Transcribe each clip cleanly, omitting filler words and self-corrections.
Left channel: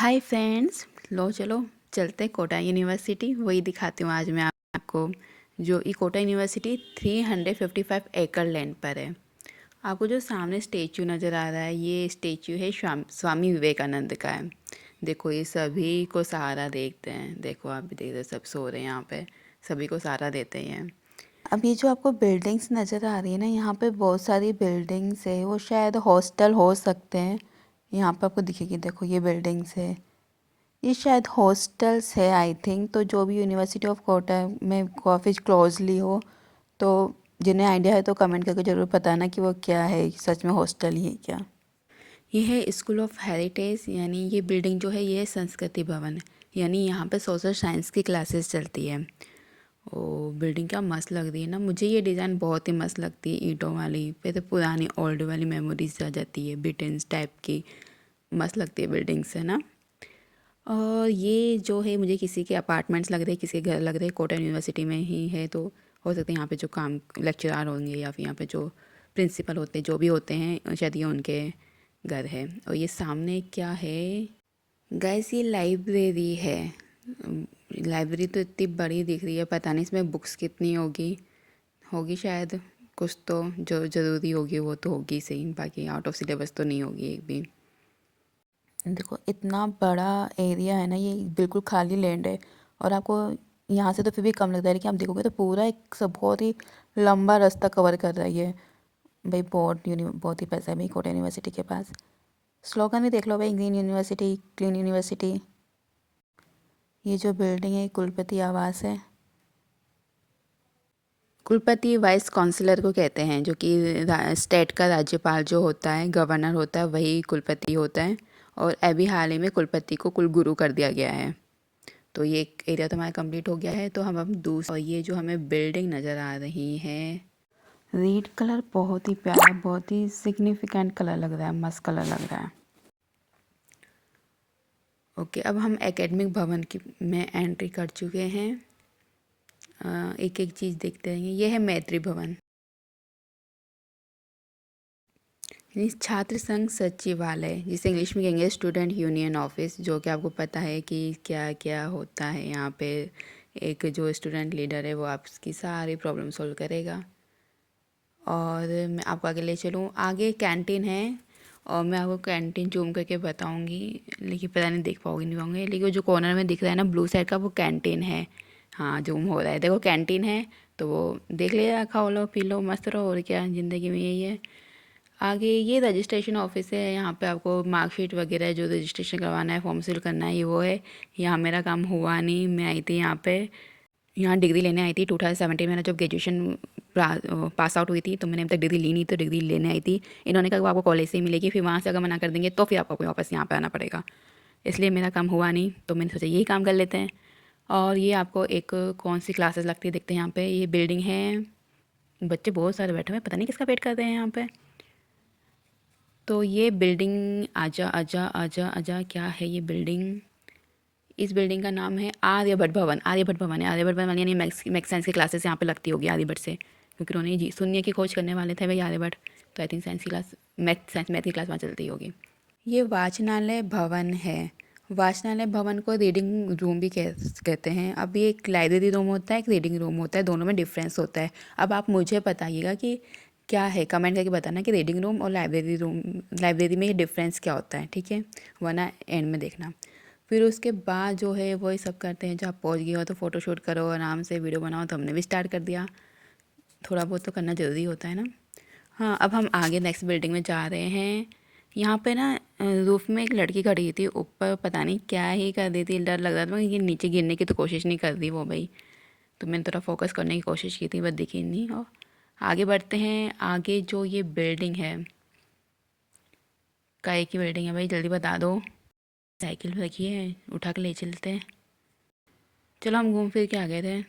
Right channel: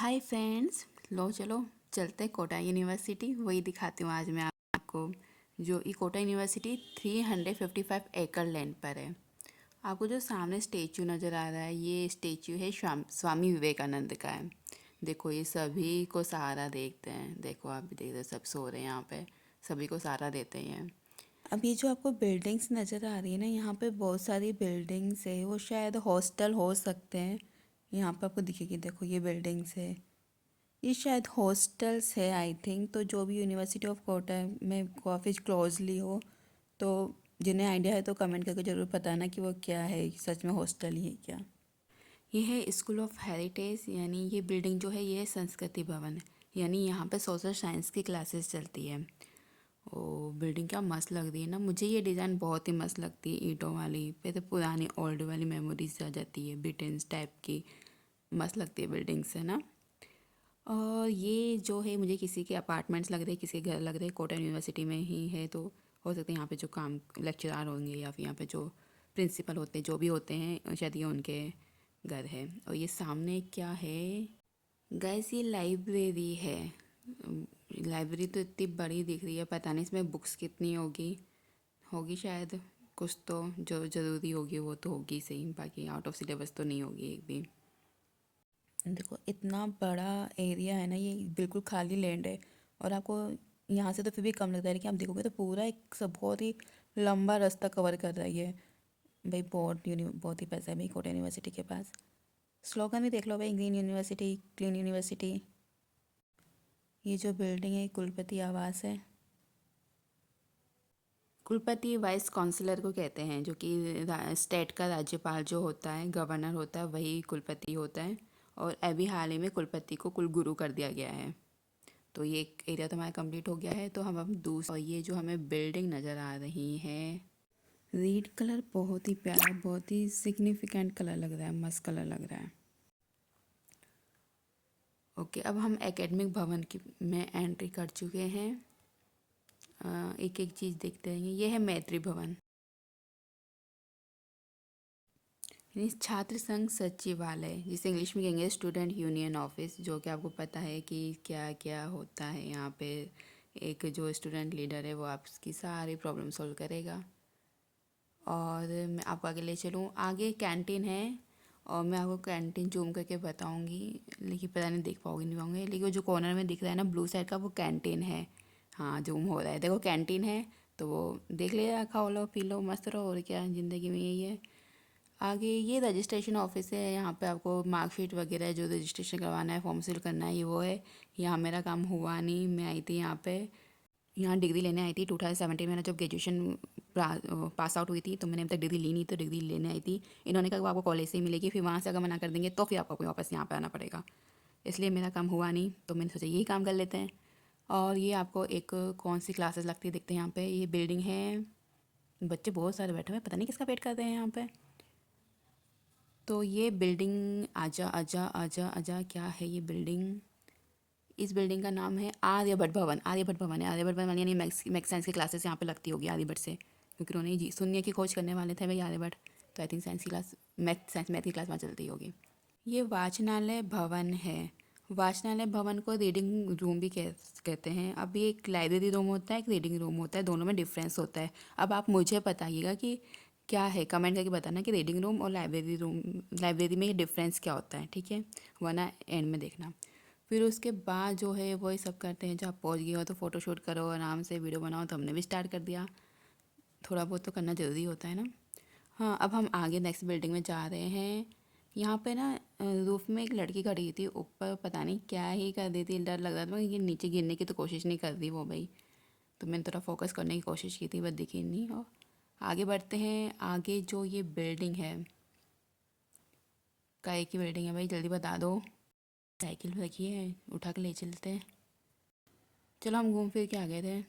Hi friends. लो चलो चलते Kota university, वही दिखाती हूँ आज मैं आपको। जो ये कोटा यूनिवर्सिटी 355 एकड़ लैंड पर है। आपको जो सामने स्टेचू नज़र आ रहा है, ये स्टेचू है स्वामी विवेकानंद का है। देखो ये सभी को सहारा देखते हैं। देखो आप भी देख रहे, सब सो रहे हैं यहाँ पे, सभी को सहारा देते हैं। अब ये जो आपको बिल्डिंग्स नज़र आ रही है ना, यहाँ पे बहुत सारी बिल्डिंग्स है, वो शायद हॉस्टल हो सकते हैं। यहाँ पे आपको दिखेगी, देखो ये बिल्डिंग्स है, ये शायद हॉस्टल्स है आई थिंक। तो जो भी यूनिवर्सिटी ऑफ कोटा में काफ़ी क्लोजली हो, तो जिन्हें आइडिया है तो कमेंट करके ज़रूर बताना कि वो क्या है, सच में हॉस्टल ही है क्या। ये है स्कूल ऑफ हेरिटेज, यानी ये बिल्डिंग जो है ये है संस्कृति भवन, यानी यहाँ पे सोशल साइंस की क्लासेस चलती है। ओ बिल्डिंग क्या मस्त लग रही है ना, मुझे ये डिज़ाइन बहुत ही मस्त लगती है, ईंटों वाली। फिर तो पुरानी ओल्ड वाली मेमोरीज आ जाती है, ब्रिटेन्स टाइप की। मस्त लगती है बिल्डिंग्स, है ना। और ये जो है मुझे किसी के अपार्टमेंट्स लग रहे हैं, किसी के घर लग रहे हैं, कोटा यूनिवर्सिटी में ही है। तो हो सकता है यहाँ पे जो काम लेक्चरार होंगे या फिर यहाँ पे जो प्रिंसिपल होते हैं, जो भी होते हैं, शायद ये उनके घर है। और ये सामने क्या है गाइस, ये लाइब्रेरी है। लाइब्रेरी तो इतनी बड़ी दिख रही है, पता नहीं इसमें बुक्स कितनी होगी। होगी शायद कुछ, तो जो ज़रूरी होगी वो तो होगी सही, बाकी आउट ऑफ सिलेबस तो नहीं होगी एक भी। देखो इतना बड़ा एरिया है ना, ये बिल्कुल खाली लैंड है। और आपको यहाँ से तो फिर भी कम लगता है, लेकिन आप देखोगे तो पूरा एक सब बहुत ही लंबा रास्ता कवर कर रहा है ये। भाई बहुत ही पैसा है भाई कोटा यूनिवर्सिटी के पास। स्लोगन भी देख लो भाई, ग्रीन यूनिवर्सिटी क्लीन यूनिवर्सिटी। ये जो बिल्डिंग है कुलपति आवास है। कुलपति वाइस काउंसलर को कहते हैं, जो कि स्टेट का राज्यपाल जो होता है, गवर्नर होता है, वही कुलपति होता है। और अभी हाल ही में कुलपति को कुलगुरु कर दिया गया है। तो ये एक एरिया तो हमारा कंप्लीट हो गया है। तो हम अब दूसरा, ये जो हमें बिल्डिंग नज़र आ रही है, रेड कलर बहुत ही प्यारा, बहुत ही सिग्निफिकेंट कलर लग रहा है, मस्त कलर लग रहा है। ओके, अब हम एकेडमिक भवन की में एंट्री कर चुके हैं। एक एक चीज़ देखते रहेंगे। ये है मैत्री भवन, यानी छात्र संघ सचिवालय, जिसे इंग्लिश में कहेंगे स्टूडेंट यूनियन ऑफिस। जो कि आपको पता है कि क्या क्या होता है यहाँ पे। एक जो स्टूडेंट लीडर है वो आपकी सारी प्रॉब्लम सॉल्व करेगा। और मैं आपको आगे ले चलूँ, आगे कैंटीन है, और मैं आपको कैंटीन जूम करके बताऊँगी, लेकिन पता नहीं देख पाओगे नहीं पाओगे। लेकिन वो जो कॉर्नर में दिख रहा है ना ब्लू साइड का, वो कैंटीन है। हाँ जूम हो रहा है, देखो कैंटीन है। तो वो देख लिया, खाओ लो पी लो मस्त रहो, और क्या ज़िंदगी में यही है। आगे ये रजिस्ट्रेशन ऑफिस है, यहाँ पे आपको मार्कशीट वगैरह जो रजिस्ट्रेशन करवाना है, फॉर्म फिल करना है, ये वो है। यहाँ मेरा काम हुआ नहीं, मैं आई थी यहाँ पे, यहाँ डिग्री लेने आई थी 2017 में। जब ग्रेजुएशन पास आउट हुई थी, तो मैंने अब तक डिग्री ली नहीं, तो डिग्री लेने आई थी। इन्होंने कहा वो आपको कॉलेज से ही मिलेगी, फिर वहाँ से अगर मना कर देंगे तो फिर आपको वापस यहाँ पे आना पड़ेगा। इसलिए मेरा काम हुआ नहीं, तो मैंने सोचा यही काम कर लेते हैं। और ये आपको एक कौन सी क्लासेस लगती है देखते हैं। यहाँ पे ये बिल्डिंग है, बच्चे बहुत सारे बैठे हुए हैं, पता नहीं किसका वेट कर रहे हैं यहाँ पे। तो ये बिल्डिंग, आजा आजा आजा आजा, क्या है ये बिल्डिंग। इस बिल्डिंग का नाम है आर्यभट्ट भवन। आर्यभट्ट भवन है, आर्यभट्ट भवन यानी मैथ्स साइंस की क्लासेस यहाँ पे लगती होगी आर्यभट्ट से, क्योंकि उन्होंने जी शून्य की खोज करने वाले थे भाई आर्यभट्ट। तो आई थिंक साइंस की क्लास, मैथ की क्लास वहाँ चलती होगी। ये वाचनालय भवन है। वाचनालय भवन को रीडिंग रूम भी कहते हैं। अब ये एक लाइब्रेरी रूम होता है, एक रीडिंग रूम होता है, दोनों में डिफरेंस होता है। अब आप मुझे बताइएगा कि क्या है, कमेंट करके बताना कि रीडिंग रूम और लाइब्रेरी रूम, लाइब्रेरी में ये डिफरेंस क्या होता है, ठीक है, वरना एंड में देखना। फिर उसके बाद जो है वही सब करते हैं, जब आप पहुँच गए हो तो फ़ोटोशूट करो, आराम से वीडियो बनाओ। तो हमने भी स्टार्ट कर दिया, थोड़ा बहुत तो करना ज़रूरी होता है ना। हाँ, अब हम आगे नेक्स्ट बिल्डिंग में जा रहे हैं। यहाँ पे ना रूफ में एक लड़की खड़ी थी, ऊपर पता नहीं क्या ही कर रही थी, डर लग रहा था कि नीचे गिरने की तो कोशिश नहीं कर रही वो भाई। तो मैंने थोड़ा फोकस करने की कोशिश की थी, बस दिखी नहीं। और आगे बढ़ते हैं। आगे जो ये बिल्डिंग है, काय की बिल्डिंग है भाई, जल्दी बता दो। साइकिल रखी है, उठा के ले चलते हैं। चलो हम घूम फिर के आ गए थे।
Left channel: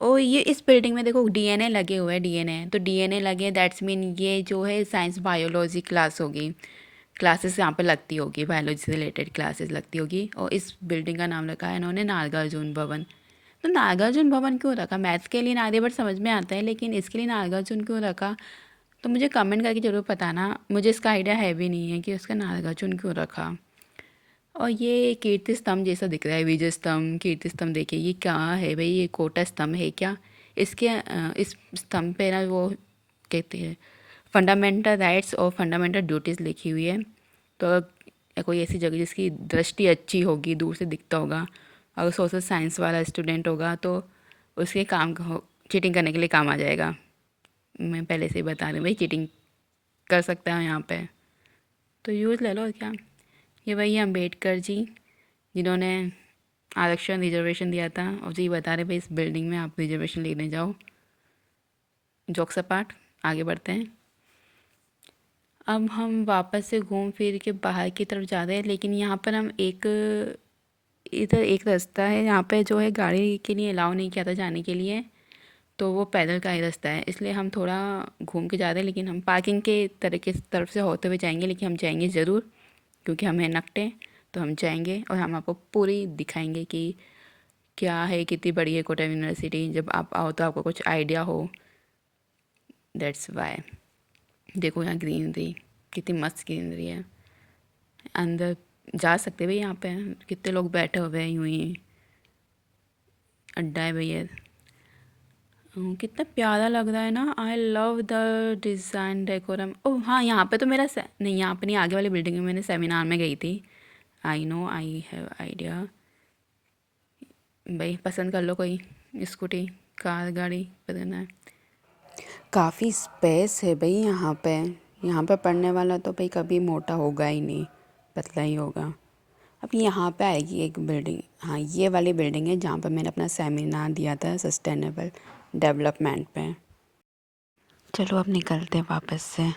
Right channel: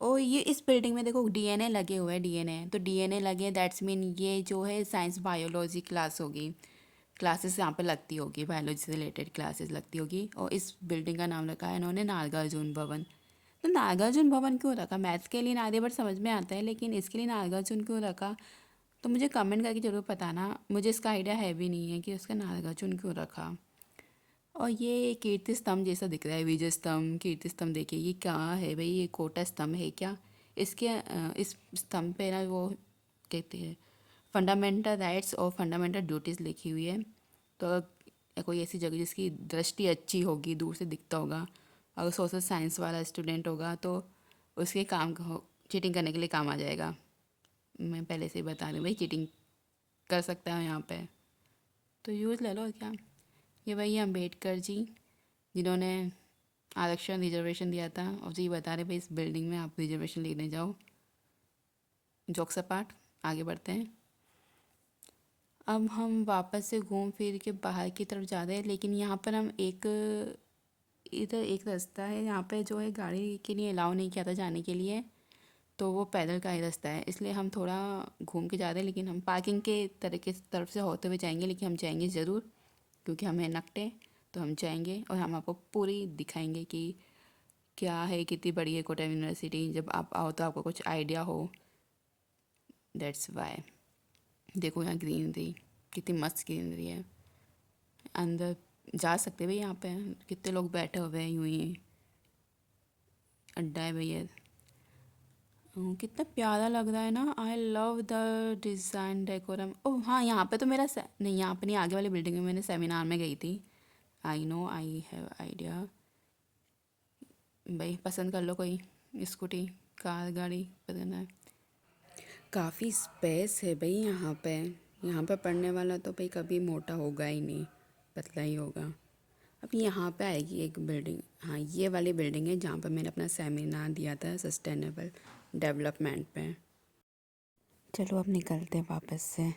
ओ ये इस बिल्डिंग में देखो डीएनए लगे हुए हैं, डीएनए तो डीएनए लगे, दैट्स मीन ये जो है साइंस बायोलॉजी क्लास होगी। क्लासेस यहाँ पे लगती होगी, बायोलॉजी से रिलेटेड क्लासेस लगती होगी। और इस बिल्डिंग का नाम रखा है इन्होंने नागार्जुन भवन। तो नागार्जुन भवन क्यों रखा, मैथ्स के लिए आर्यभट्ट समझ में आता है, लेकिन इसके लिए नागार्जुन क्यों रखा, तो मुझे कमेंट करके ज़रूर बताना। मुझे इसका आइडिया है भी नहीं है कि उसका नागार्जुन क्यों रखा। और ये कीर्ति स्तंभ जैसा दिख रहा है, विजय स्तंभ, कीर्ति स्तंभ। देखिए ये क्या है भाई, ये कोटा स्तंभ है क्या? इसके इस स्तंभ पे ना वो कहते हैं फंडामेंटल राइट्स और फंडामेंटल ड्यूटीज़ लिखी हुई है। तो कोई ऐसी जगह जिसकी दृष्टि अच्छी होगी, दूर से दिखता होगा, अगर सोशल साइंस वाला स्टूडेंट होगा तो उसके काम चीटिंग करने के लिए काम आ जाएगा। मैं पहले से ही बता रही हूँ भाई, चीटिंग कर सकता है यहाँ पे, तो यूज़ ले लो और क्या। ये वही अम्बेडकर जी जिन्होंने आरक्षण रिजर्वेशन दिया था, और जी बता रहे भाई इस बिल्डिंग में आप रिजर्वेशन लेने जाओ। जोक्स अपार्ट, आगे बढ़ते हैं। अब हम वापस से घूम फिर के बाहर की तरफ जा रहे हैं, लेकिन यहाँ पर हम इधर एक रास्ता है यहाँ पे जो है गाड़ी के लिए अलाउ नहीं किया था जाने के लिए, तो वो पैदल का ही रास्ता है, इसलिए हम थोड़ा घूम के जा रहे हैं। लेकिन हम पार्किंग के तरफ से होते हुए जाएंगे, लेकिन हम जाएंगे ज़रूर, क्योंकि हमें नकटे, तो हम जाएंगे और हम आपको पूरी दिखाएंगे कि क्या है, कितनी बड़ी है कोटा यूनिवर्सिटी। जब आप आओ तो आपको कुछ आइडिया हो, दैट्स वाई। देखो यहाँ ग्रीनरी, कितनी मस्त ग्रीनरी है। अंदर जा सकते भाई, यहाँ पे कितने लोग बैठे हुए हैं यूँ ही, अड्डा है भैया। कितना प्यारा लग रहा है ना। I love the design decorum. Oh हाँ, यहाँ पे तो नहीं, यहाँ पे नहीं, आगे वाली बिल्डिंग में मैंने सेमिनार में गई थी। I know, I have idea. भाई पसंद कर लो कोई स्कूटी, कार, गाड़ी पसंद है। काफ़ी स्पेस है भाई यहाँ पे। यहाँ पे पढ़ने वाला तो भाई कभी मोटा होगा ही नहीं, पतला ही होगा। अब यहाँ पे आएगी एक बिल्डिंग, हाँ ये वाली बिल्डिंग है जहाँ पर मैंने अपना सेमिनार दिया था सस्टेनेबल डेवलपमेंट पे। चलो अब निकलते वापस से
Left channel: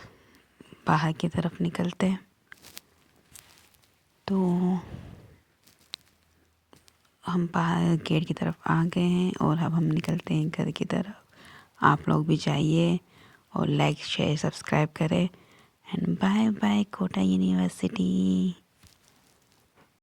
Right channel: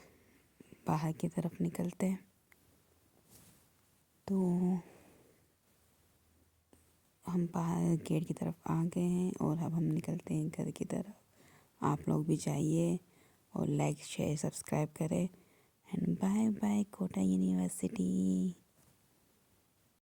बाहर की तरफ निकलते। तो हम बाहर गेट की तरफ आ गए हैं और अब हम निकलते हैं घर की तरफ। आप लोग भी जाइए और लाइक शेयर सब्सक्राइब करें। And bye bye Kota university.